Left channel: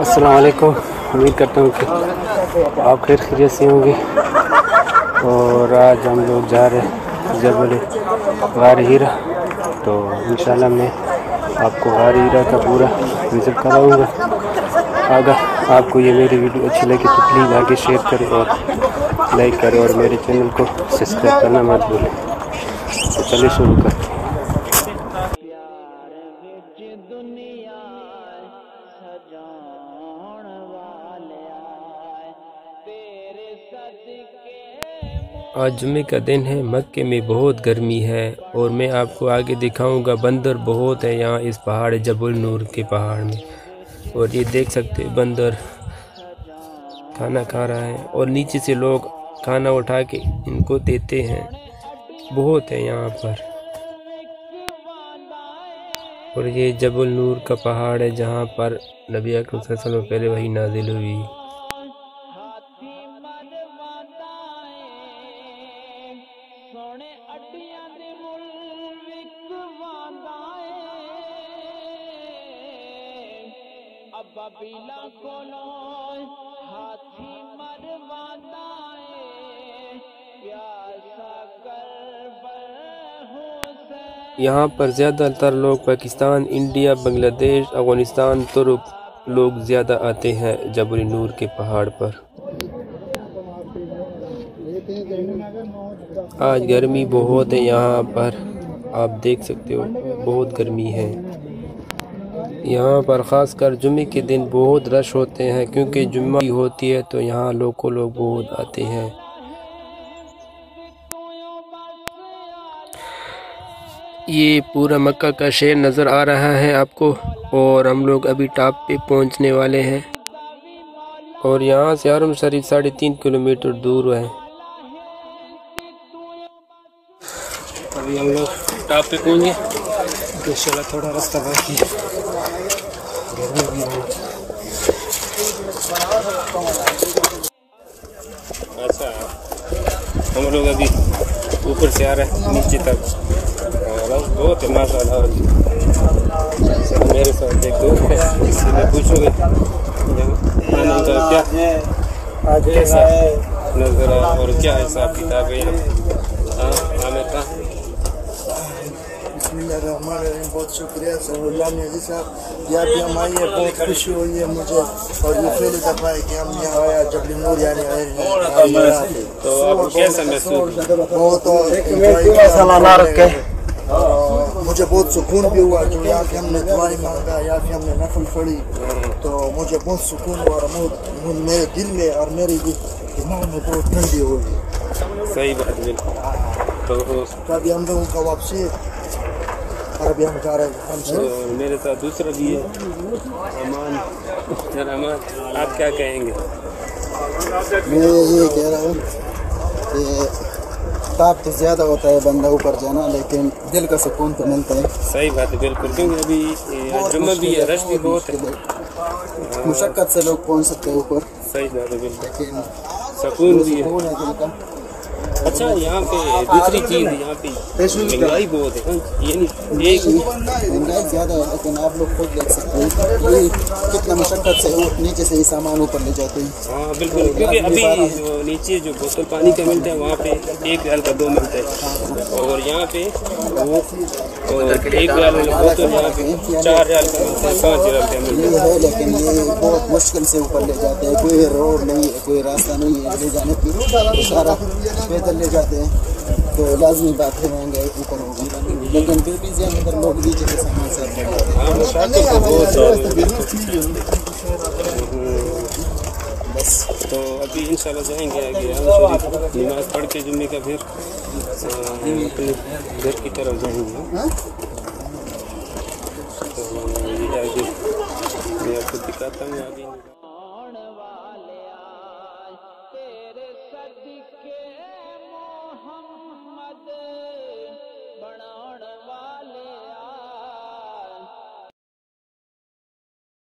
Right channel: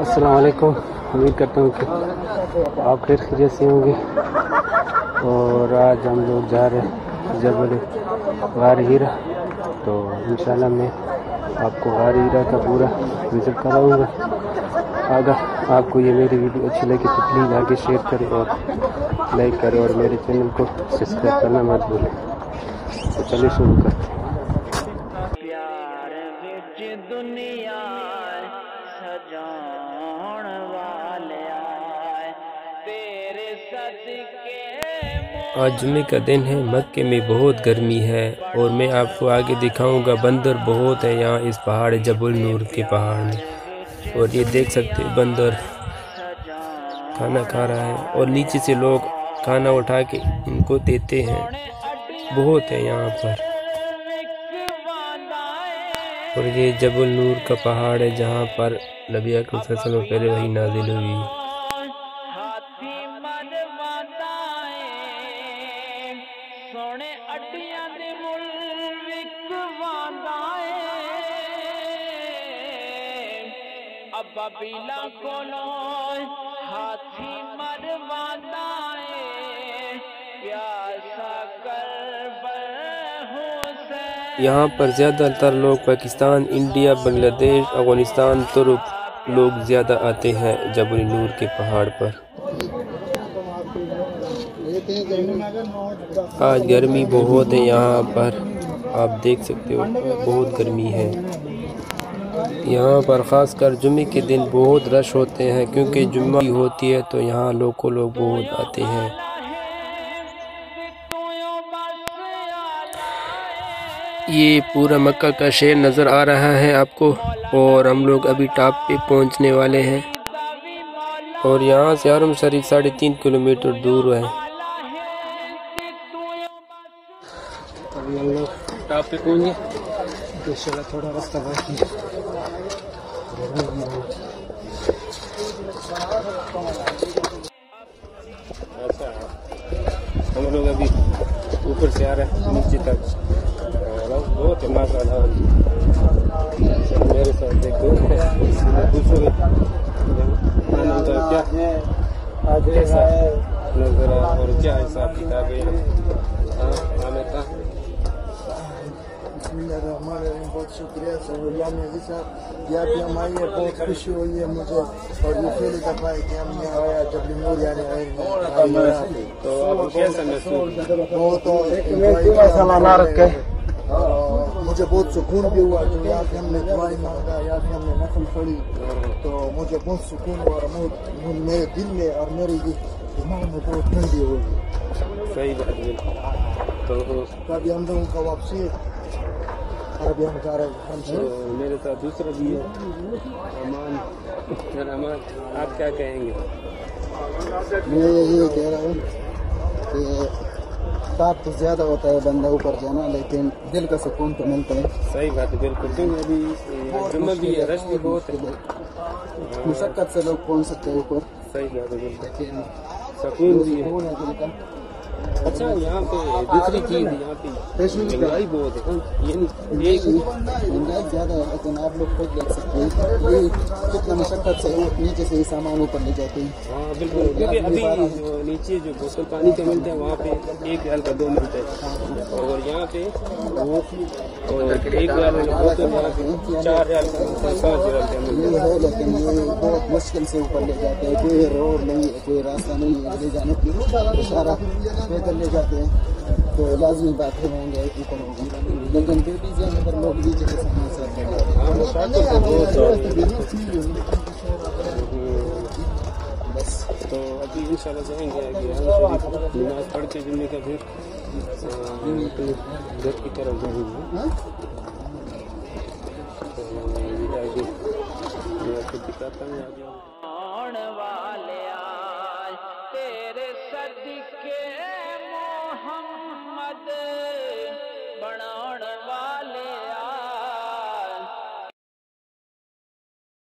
अस्सलाम वालेकुम। उम्मीद करता हूँ कि आप खैरियत से होंगे। और आज हम लोग जा रहे हैं जबल गार हीरा। तो इंशाल्लाह मैं आपको गार हीरा का पूरा विज़िट कराऊँगा। अगर आपको ये मेरी वीडियो अच्छी लगी तो प्लीज़ आगे शेयर करें और लाइक करें और मेरे चैनल को सब्सक्राइब करना मत भूलें। तो चलिए शुरू करते हैं। आज जुम्मे का दिन है। मक्के में बहुत गर्मी है और मैं आपको आगे दिखाऊंगा। बंदर बहुत है यहाँ इस पहाड़ जबल नूर के पहाड़ में। और ये देख सकते हैं बंदर खाना खा रहा है और नीचे से लोग खाना उठा के इनको देते हैं। बहुत है यहाँ पर। और ये जबल नूर का पहाड़ है जहाँ पर नबी अकरम सल्लल्लाहु अलैहि वसल्लम पहले वही नाजिल हुई। यहाँ पर ज़्यादातर लोग पाकिस्तान, इंडिया, बांग्लादेश, अफगानिस्तान, तुर्क लोग ज़्यादा आते हैं जबल नूर के पहाड़ पर। आज गर्मी बहुत है यहाँ पर, आप देख सकते हो बहुत गर्मी है यहाँ पर। ख़ासकर जुम्मे के दिन बहुत रश होते हैं क्योंकि जुम्मा होती है तो यहाँ लोग बहुत आते हैं। ये पूरा मक्का का शहर नज़र आ रहा है आपको और हम लोग अभी टॉप पे पहुंचने वाले हैं। और यहाँ से हरम शरीफ 3.5 किलोमीटर दूर है। अभी हम लोग टॉप पे पहुँच गए। इंशाल्लाह थोड़ा रास्ता बाकी है। अच्छा, हम लोग अभी ऊपर से आ रहे हैं नीचे तक। बहुत है माशाल्लाह। मेरे साथ एक दोस्त है, इससे पूछोगे क्या आज कैसा नजर आया और क्या हिसाब किताब है। बहुत शुक्रिया साहब, यहाँ भी हम आए हैं, बहुत खुशी हुई है मुझे। और ये पहली दफ़ा है कि हम यहाँ आया जबल नूर यानी आए हैं। तो आपको कैसा महसूस? मुझे बहुत सुकून भी हुआ जो यहाँ पे हमने दुआएं मांगा, यहाँ पे हमने नफल पढ़ी, तो मुझे बहुत सुकून हुआ। और मेरे दिल में और मेरे दिमाग में बहुत ठंडी हो गई। सही बात है। तो अभी हम लोगों का वापसी और अभी हम जा रहे हैं। तो मेरे साथ दूसरा भी है अमान। अमान, आप क्या कहेंगे? मैं ये कह रहा हूँ कि ताप तो ज़्यादा होता है बंदा ऊपर जाना, लेकिन दिल का सुकून तो मिलता है। सही बात है, बिल्कुल। क्योंकि अभी जुम्मा भी है, रश भी बहुत है। मुशक्कत से लोग पहुँच सकते हैं ऊपर। सही बात है, बिल्कुल। लेकिन सुकून भी है दिल का। अच्छा, यहाँ पे दूसरी चीज़ यहाँ पे महंगाई बहुत है। ये नहीं एक महंगाई ज़्यादा है, लेकिन आप लोग खुद देख सकते हैं ये कितना मुशक्कत से नीचे से ही सामान ऊपर ले जाते हैं। हाँ बिल्कुल, क्योंकि अभी नीचे जो बोतल पानी का मिलता है वहाँ पे 1 रियाल का 2 मिलता है। और यहाँ पे वो 1 रियाल वाला बोतल यहाँ पे 4 रियाल का मिलता है, 5 रियाल का मिलता है। लेकिन ये बहुत मुश्किल से ऊपर ले जाते हैं। कोई रोड नहीं है, कोई रास्ता नहीं है ले जाने की, सारा पैदल ले जाते हैं। तो लाजमी बात है महंगाई ऊपर होगी, लेकिन फिर भी ज़्यादातर लोग नीचे के सामान साथ ले जाते हैं। बस तो अभी इंशाल्लाह जाएंगे आगे नमाज पढ़ के जुम्मे का, फिर अपने घर की तरफ जाएंगे। तो ये आगे मैं आपको दिखाता हूँ आगे।